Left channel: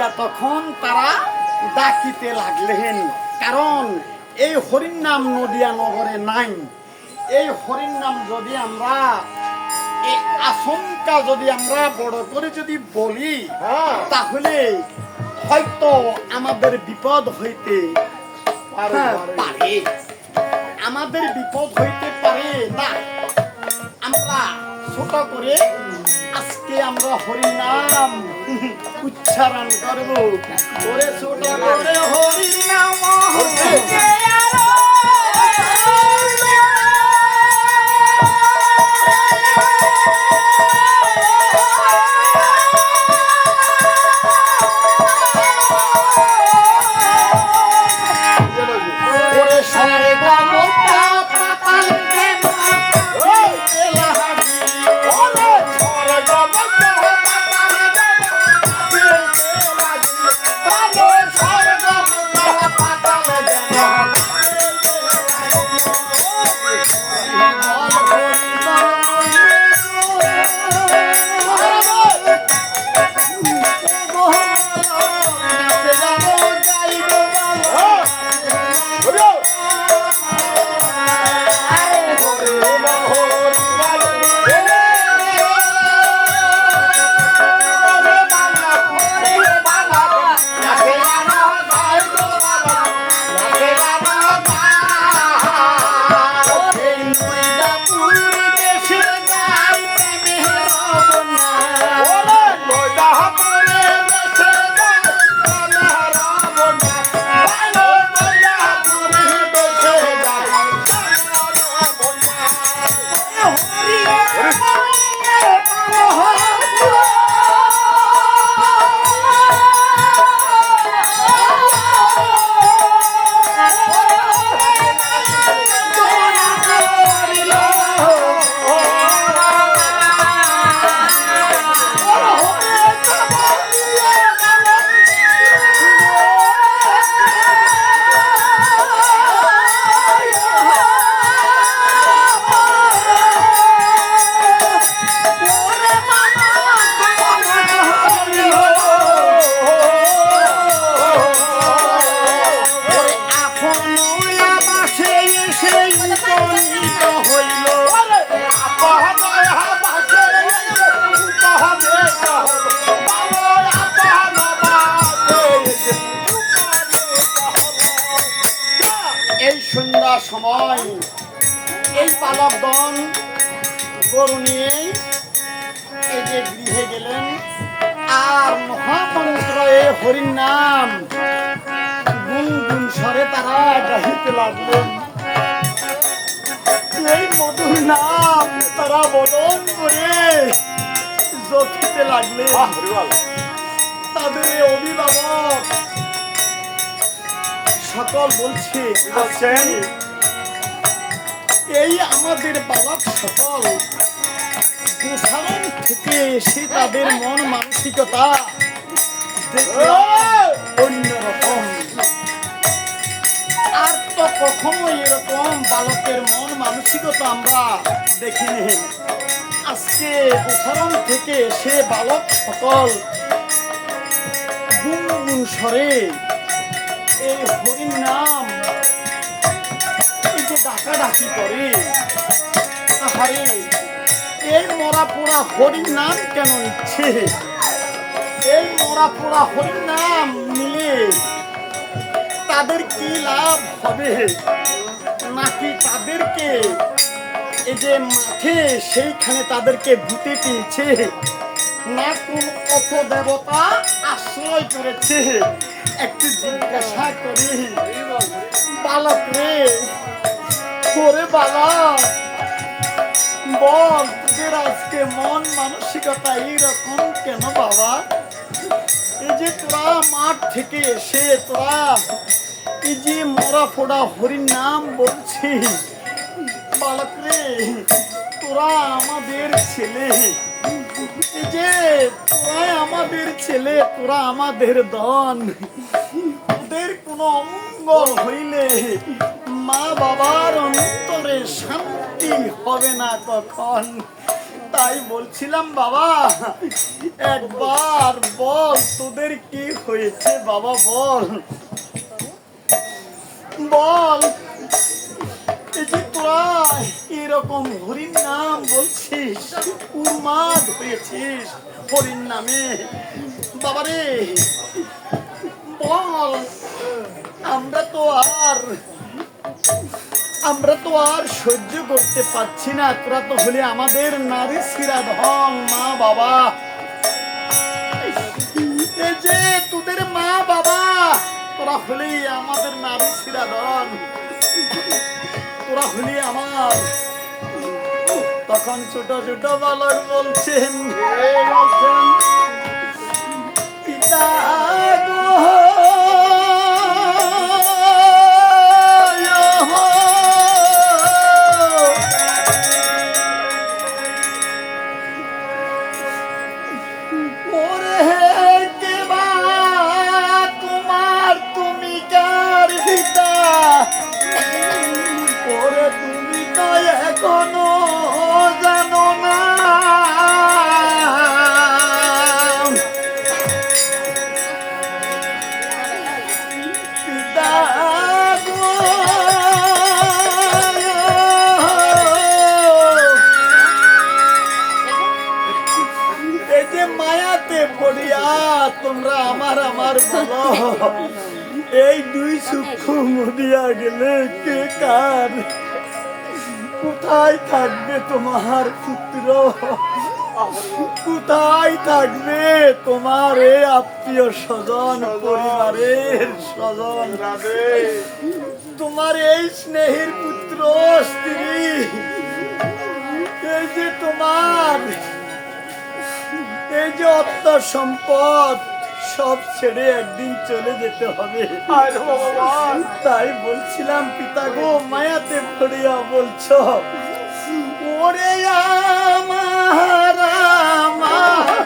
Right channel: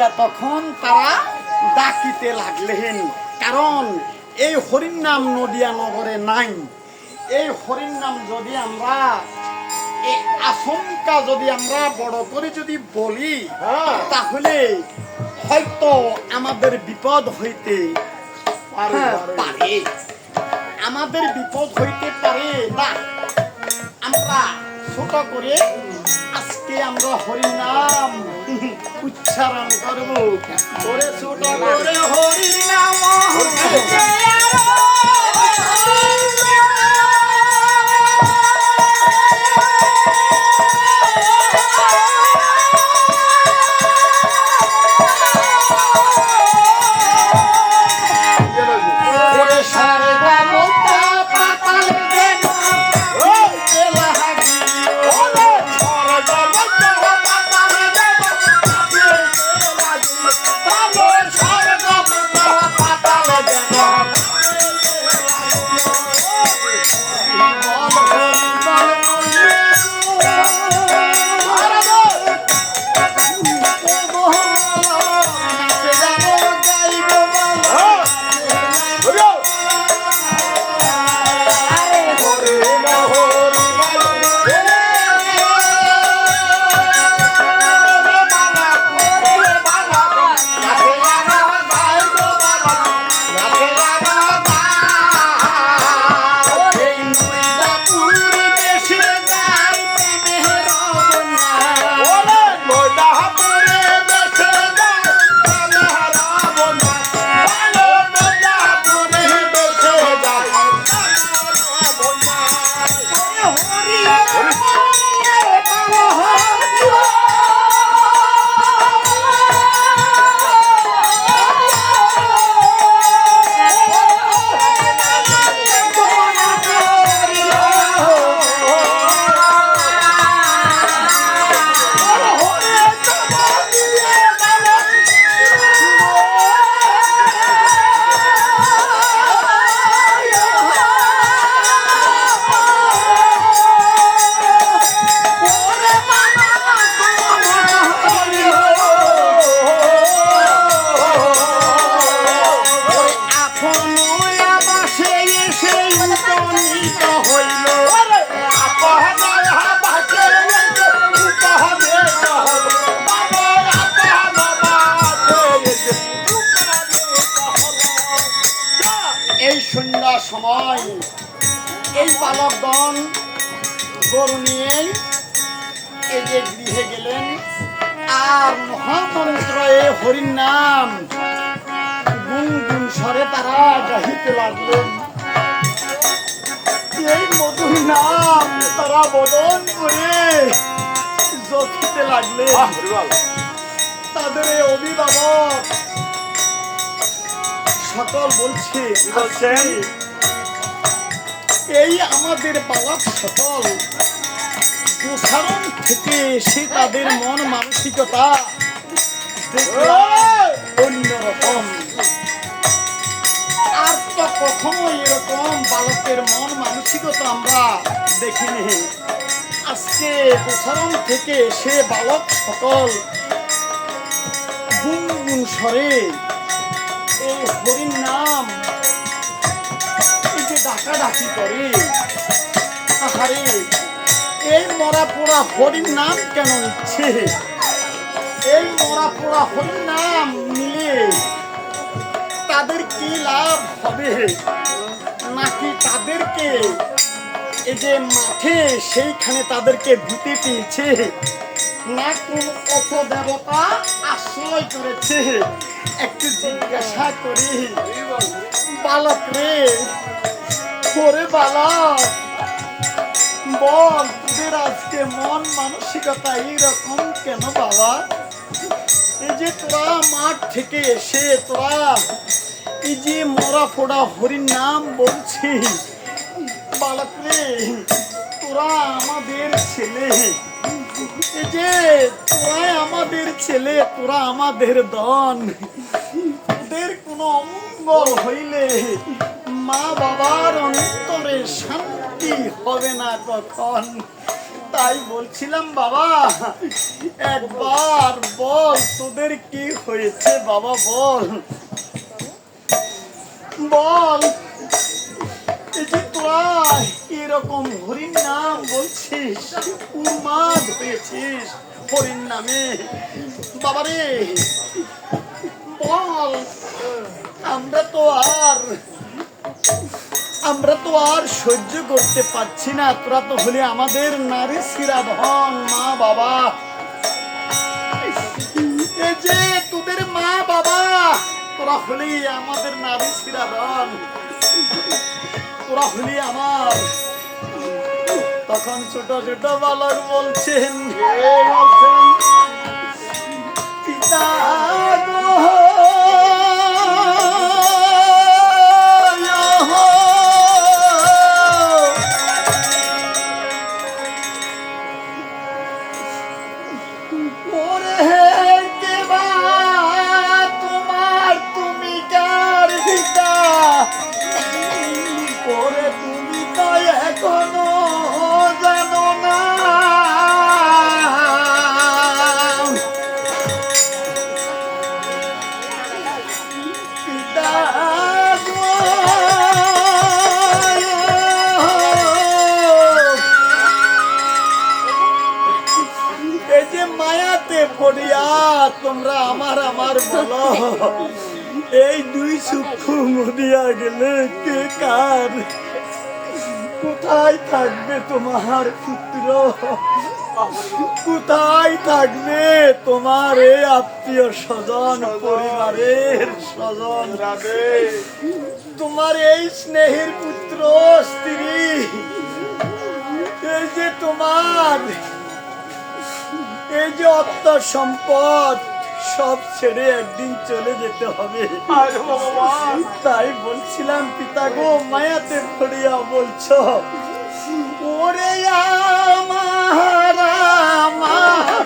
বলিয়া তখন তারা ডাকিতে লাগলেন কারণ এই হরিণ নাম নদিয়া নগরে নাই। এই হরিণ নাম যদি আমরা আশঙ্কা যদি আমরা বড় করে যদি বলি হ্যাঁ। তাহলে হয়তো আমাদের বিপদ হইতে হ্যাঁ। পারে। আমাদের বিপদ হইতে পারে না। আমরা ছোট করে আজকে আমরা হরি নাম উচ্চারণ করব। ওরে ছোট করে হরি নাম Oh. সময় এই বালকগণ গরু নিয়ে এই যে গৃহে গেলেন। আর মহামন্ত্র এই হরির নাম গুন গুন স্বরে তারা গাহিতে লাগলেন। এই মধুর নাম তারা বদন করে জপিতে লাগলেন। তাদের অভিভাবক সকল বলছে বলছেন? এই আমাদের বালক সকল প্রসারণ থেকে সে তাদের মন মানসিকতা অন্যরকম। আর তো কখনো এরকম বালকের মন মানসিকতা আমরা দেখিনি। আজকে প্রসারণ থেকে সে বালক সকল গুনগুন স্বরে এই হরির নাম ডাকাডাকি করে আহারে, এই মরা পোড়া হরির নাম কেন নিচ্ছে? এই মরা পোড়া হরির নাম নিলে তাদের কি লাভ হবে? নাকি তাদেরকে এই যে মাঠে সেইখানে তাদেরকে ভূতে পেয়েছে? না কোন অপ দেবতা আশ্রয় করেছে? একটু জিজ্ঞাসা করি। বালক রে ওরে বালক বল, তোদের আজকে মন মানসিকতা এইরকম কেন বাবা? এই যে তোরা মাঠ থেকে এসে তোরা এই যে মরা ফোড়া হরির নাম বলছিস, বালক রে, তোরা আমাদের ছেলে। এই যে তোরা আমাদের ছেলে, তোরা আমাদের দন তোদের কোনো অমঙ্গল হইলে মা বাবার অন্তরে শান্তি হবে না তখন। তাই বলছিলাম, বাবা, একবার বল তোদের কি হয়েছে, বাবা, বল। বল যে তোরা এরকম হরির নাম বলছিস, উন্মাদ হয়েছিস হরির নামে। বাবারে বল, আমরা তো আর আমরা তো আর সহ্য করতে পারছি না। তোরা তো হলে আমাদের নারী ধন মা বাবা। এই যে তোদের মা বাবা, তোরা হলি আমাদের নারী ধন তোরা হলি আমার। তখন ছোট ছোট বালক বলছেন পিতা এই দুই সূক্ষ্ম মরিয়া গেলে কে কার? কোথায় থাকবে তোমার পুত্র? কোথায় থাকবে তোমার এই আত্মীয় স্বজন পরিবারের স্বজন? তোমার এই স্নেহের পুত্র স্ত্রী এই যে তোমার এই যে অর্থ সম্পদ সব ছেড়ে একদিন চলে যেতে হবে। আর তাই বলছিলাম পিতা গো মায়াতে পড়িয়া বলছ ওরে আমার আমার।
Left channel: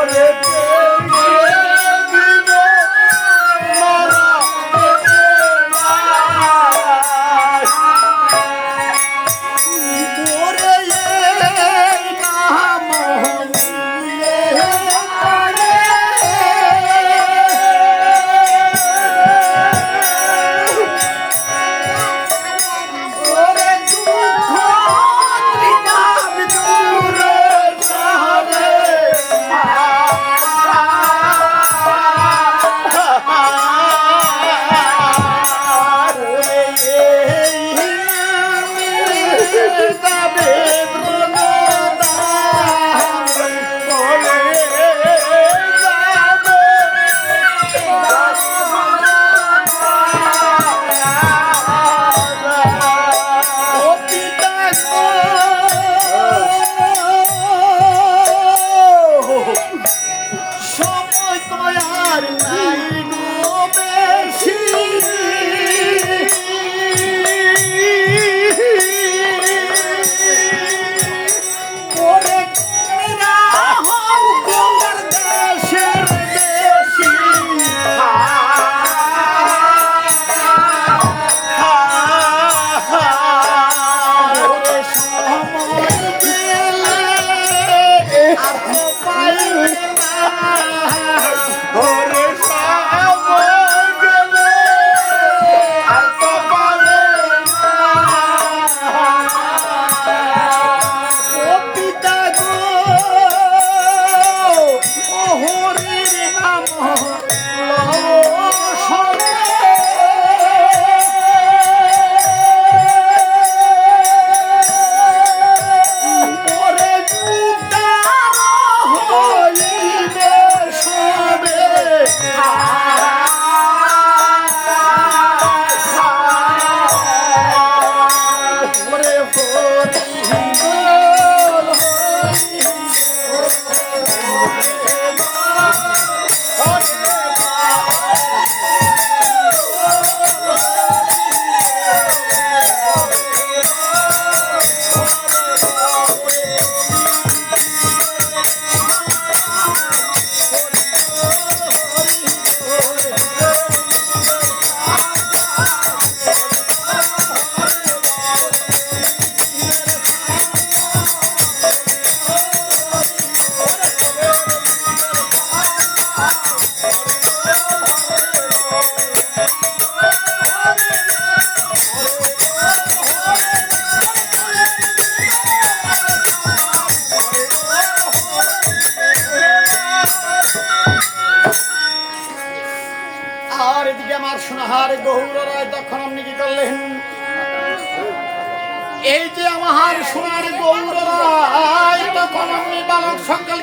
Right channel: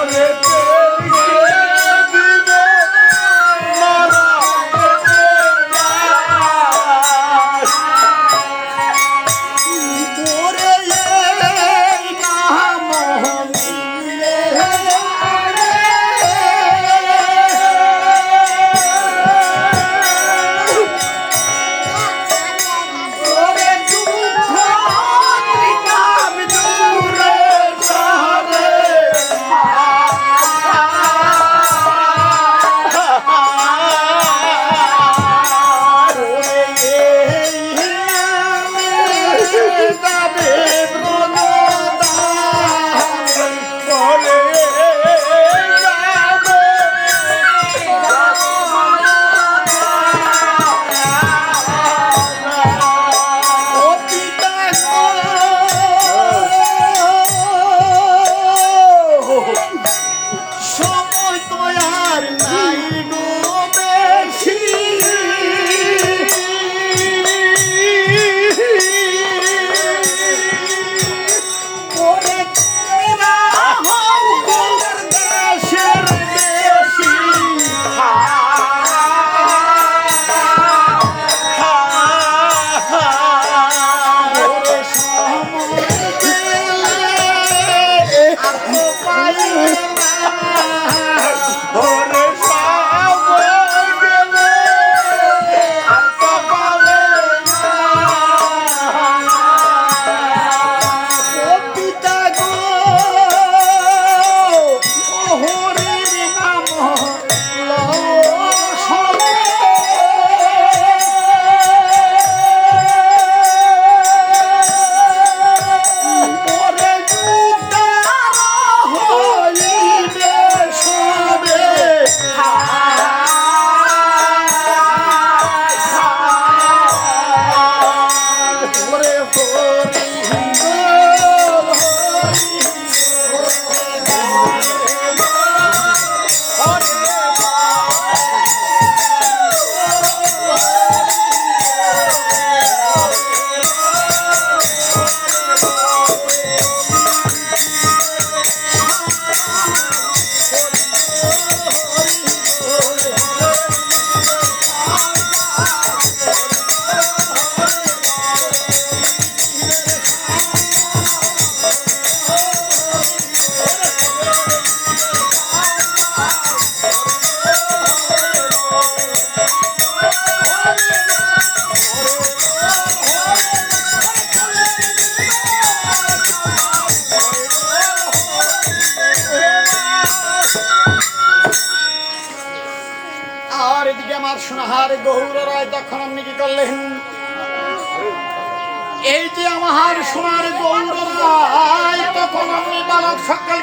করে আমার সোনার গৌরায় তখন আমি বালক সকলকে